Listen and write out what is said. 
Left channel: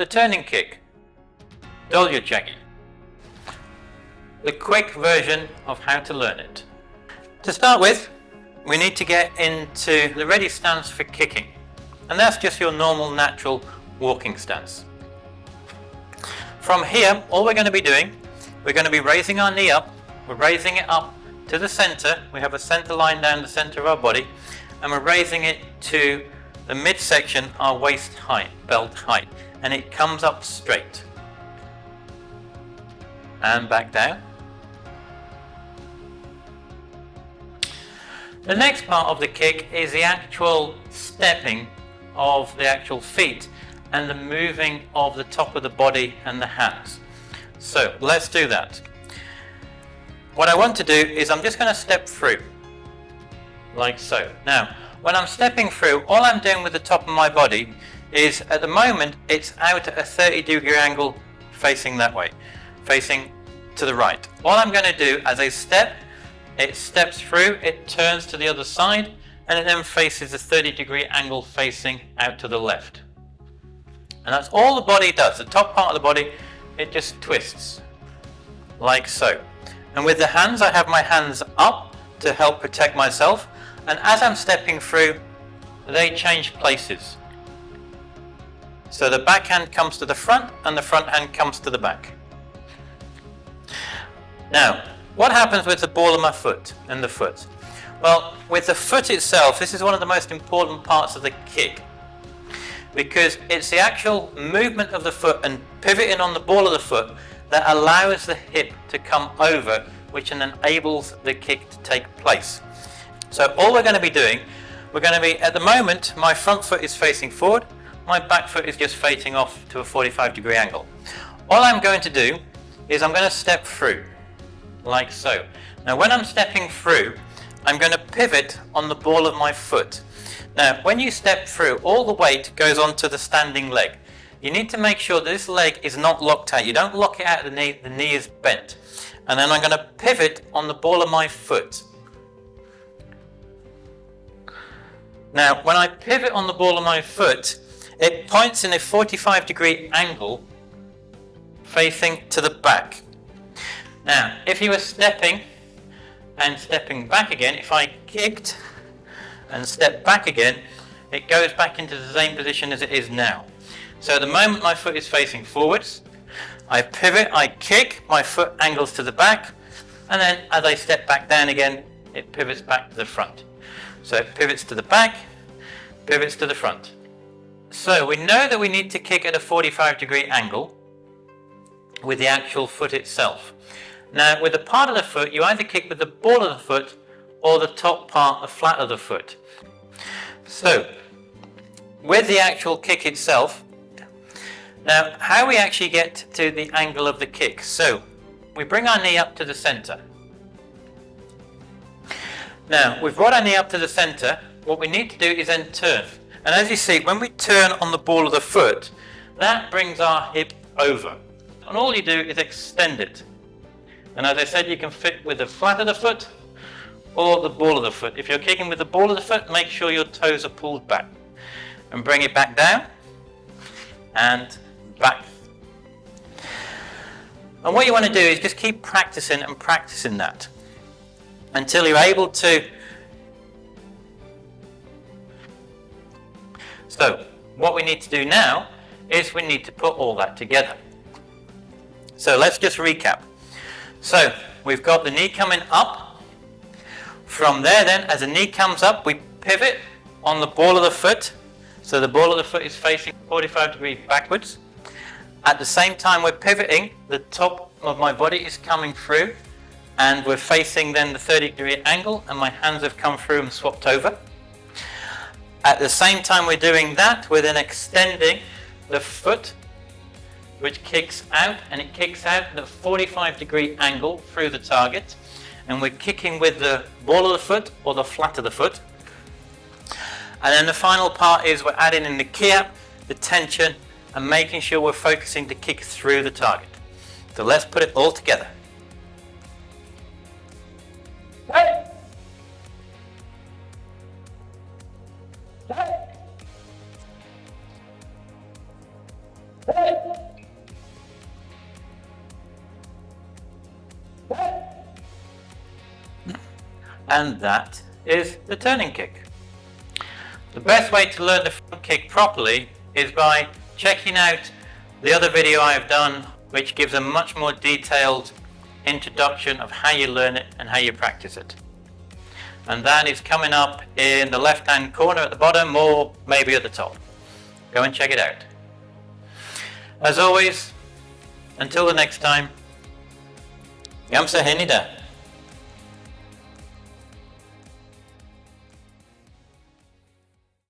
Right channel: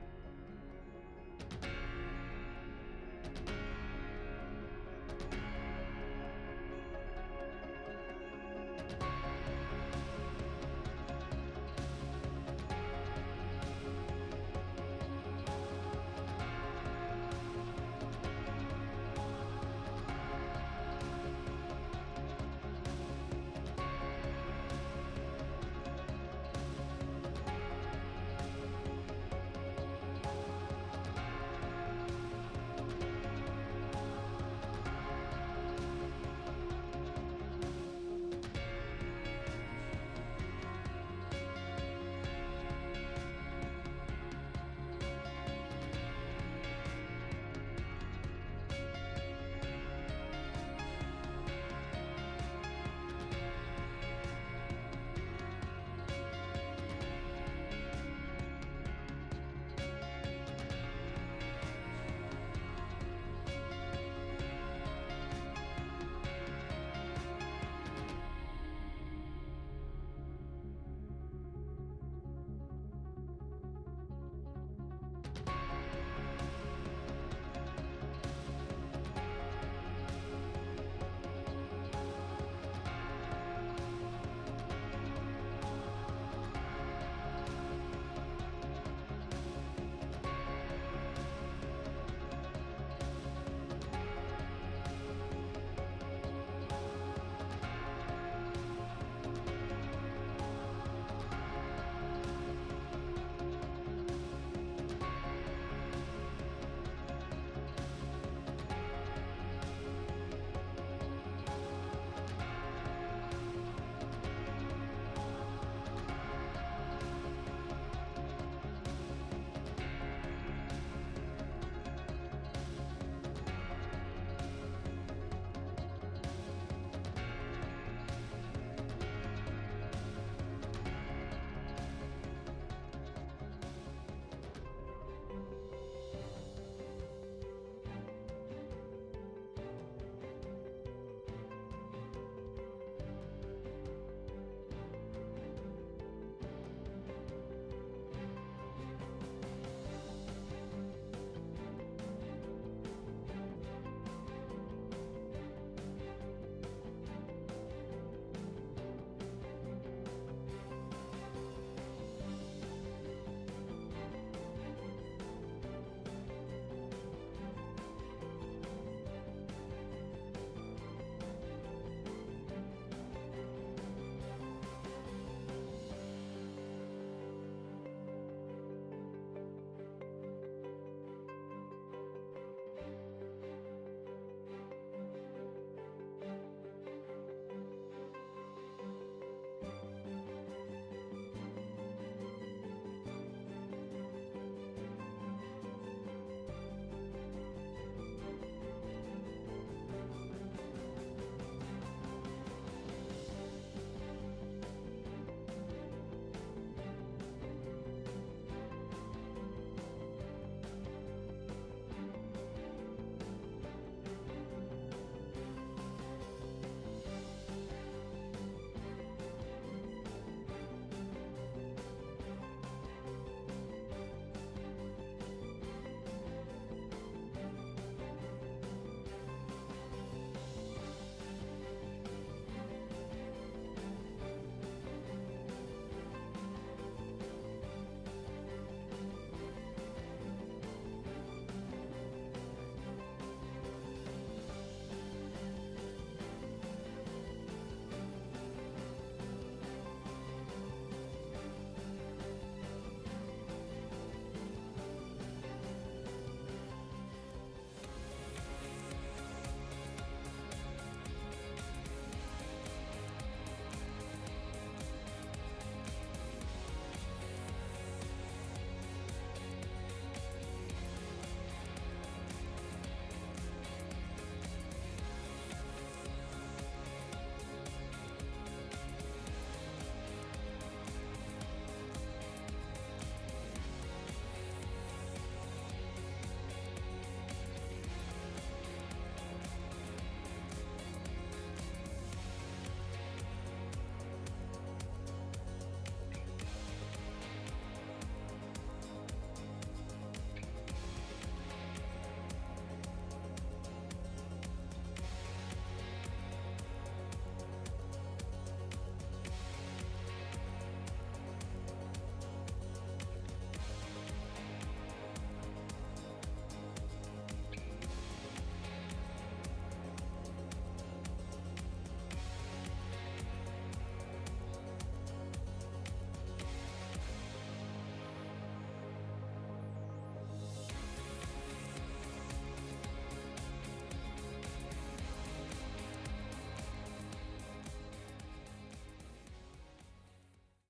the turning kick, Dollyo Chagi. The quick version of how to learn it. To start with, we need to get into the ready stance for kicking, and that's just your normal natural walking stance. From here, all we're going to be doing, we're going to be raising our knee up, we're raising it up to the center, we have a center line down the center of our body, and we're raising it to the midsection, our waist height, belt height, and it comes up straight. And back down. The next part of the kick is the actual stepping of the actual feet and the moving of the top of the body and the hands. So let's do that. What I want to do is I'm just going to step through, like so. Now, when I'm stepping through, all I'm doing with the top of my body is, at the moment, it's out at a 30-degree angle facing that way, facing to the right. All I'm going to do as I step, it steps through, it turns to the other side, and it then faces a 30-degree angle facing out to the left. And that's all the body does. The top part of the body, it just twists, like so. And with the hands, I have my hands up to help protect myself, and as I'm stepping through, they change places. So the back hand comes to the front, and the front hand comes to the back. Now, what happens with the ball of my foot and the foot? Well, with the foot itself, this is one of the most important parts of the kick, because it's the actual movement of the foot and pivoting on the ball of the foot that allows the hip to come over, which then enables the kick to take place. So all we're going to be doing, we're going to be, at the moment, my front foot is facing forward, my back foot is just facing off to a 45-degree angle. All I'm going to do is I'm going to step through, like so. Now when I'm stepping through, I'm going to pivot on the ball of my foot. Now when you step through, all the weight goes onto the standing leg. You need to make sure this leg is not locked out. You don't lock it out of the knee is bent. And then I'm going to pivot on the ball of my foot. Now when I pivot on the ball of my foot, it points in a 45-degree angle facing to the back. Now if you were stepping and stepping back again, if I kicked and stepped back again, it goes back into the same position as it is now. So at the moment my foot is facing forwards, I pivot, I kick, my foot angles to the back, and then as I step back down again, it pivots back to the front. So it pivots to the back, pivots to the front. So we know that we need to kick at a 45-degree angle with the actual foot itself. Now with the part of the foot, you either kick with the ball of the foot or the top part, the flat of the foot. So with the actual kick itself, now how we actually get to the angle of the kick. So we bring our knee up to the center. Now we've brought our knee up to the center, what we need to do is then turn. And as you see, when we turn on the ball of the foot, that brings our hip over. And all you do is extend it. And as I said, you can fit with the flat of the foot or the ball of the foot. If you're kicking with the ball of the foot, make sure your toes are pulled back. And bring it back down and back. And what you want to do is just keep practicing and practicing that until you're able to. So what we need to do now is we need to put all that together. So let's just recap. So we've got the knee coming up. From there then, as the knee comes up, we pivot on the ball of the foot. So the ball of the foot is facing 45 degrees backwards. At the same time we're pivoting, the top of my body is coming through, and we're facing then the 30-degree angle, and my hands have come through and swapped over. At the same time we're doing that, we're then extending the foot, which kicks out, and it kicks out at a 45-degree angle through the target, and we're kicking with the ball of the foot or the flat of the foot. And then the final part is we're adding in the kiap, the tension, and making sure we're focusing to kick through the target. So let's put it all together. Hey! Hey! Hey! and that is the turning kick. The best way to learn the front kick properly is by checking out the other video I've done, which gives a much more detailed introduction of how you learn it and how you practice it. And that is coming up in the left hand corner at the bottom, or maybe at the top. Go and check it out. As always, until the next time, Gamsa Henida.